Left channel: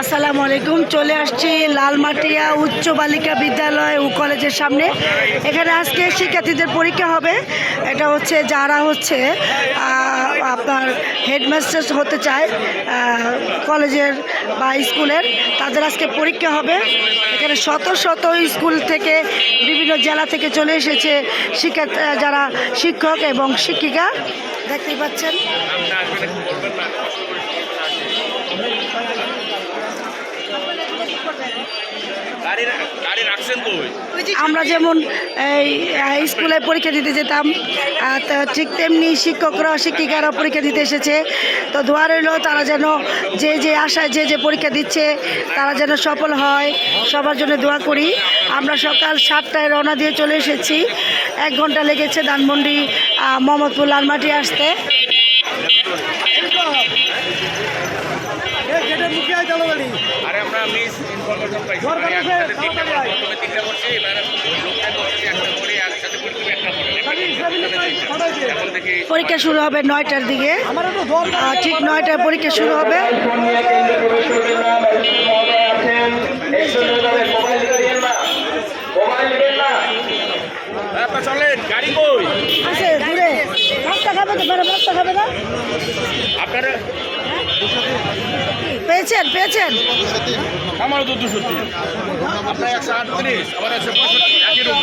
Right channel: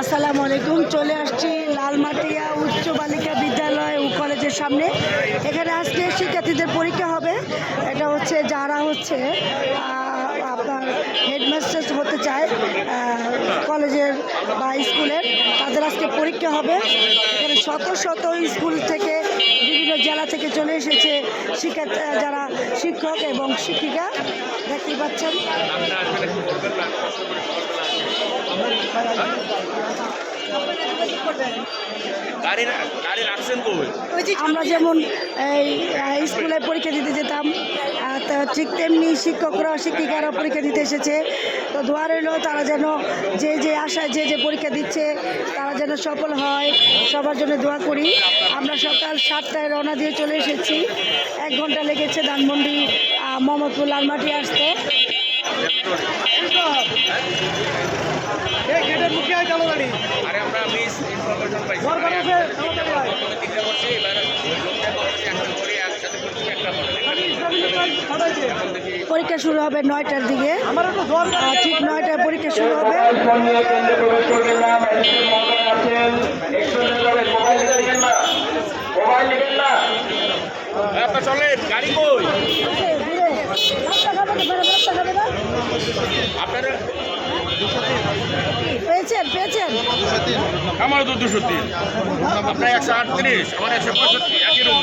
আসসালামু আলাইকুম। চলে আসছি লালমাটিয়া উচ্চ বালিকা বিদ্যালয় ও কলেজের সামনে। এখানে আজকে শিক্ষার্থীদের পরীক্ষা হবে। এটা হচ্ছে যারা হচ্ছে আপনার হেডমাস্টার হতে চায় কলেজের বা স্কুলের, তাদের আজকে পরীক্ষা হবে। এখানে শত শত স্কুল থেকে বিভিন্ন জেলা থেকে চলে এসেছে যারা শিক্ষক এবং শিক্ষিকা, দেখতেই পাচ্ছেন। আমরা যেমন এই স্কুলে পরীক্ষা দিতে যেতাম, তো ঠিক তেমনি শিক্ষকরা শিক্ষিকারা পরীক্ষা দিতে এসেছে। তো দোয়া রইল তারা যেন যে আশায় যে পরীক্ষা দিচ্ছে তারা যেন সফল হয়, সবার জন্য দোয়া করি। আমরা সকাল 7টায় রওনা দিয়ে চলে এসেছি। 1 ঘন্টা লেগেছে ধানমন্ডি মোহাম্মদপুর লালমাটি আসতে। পরীক্ষা শুরু হবে 9টার দিকে, ঠিক 9টায় পরীক্ষা শুরু হবে। পেয়েছেন আমার তো 203, আপনার 138, আমার 165।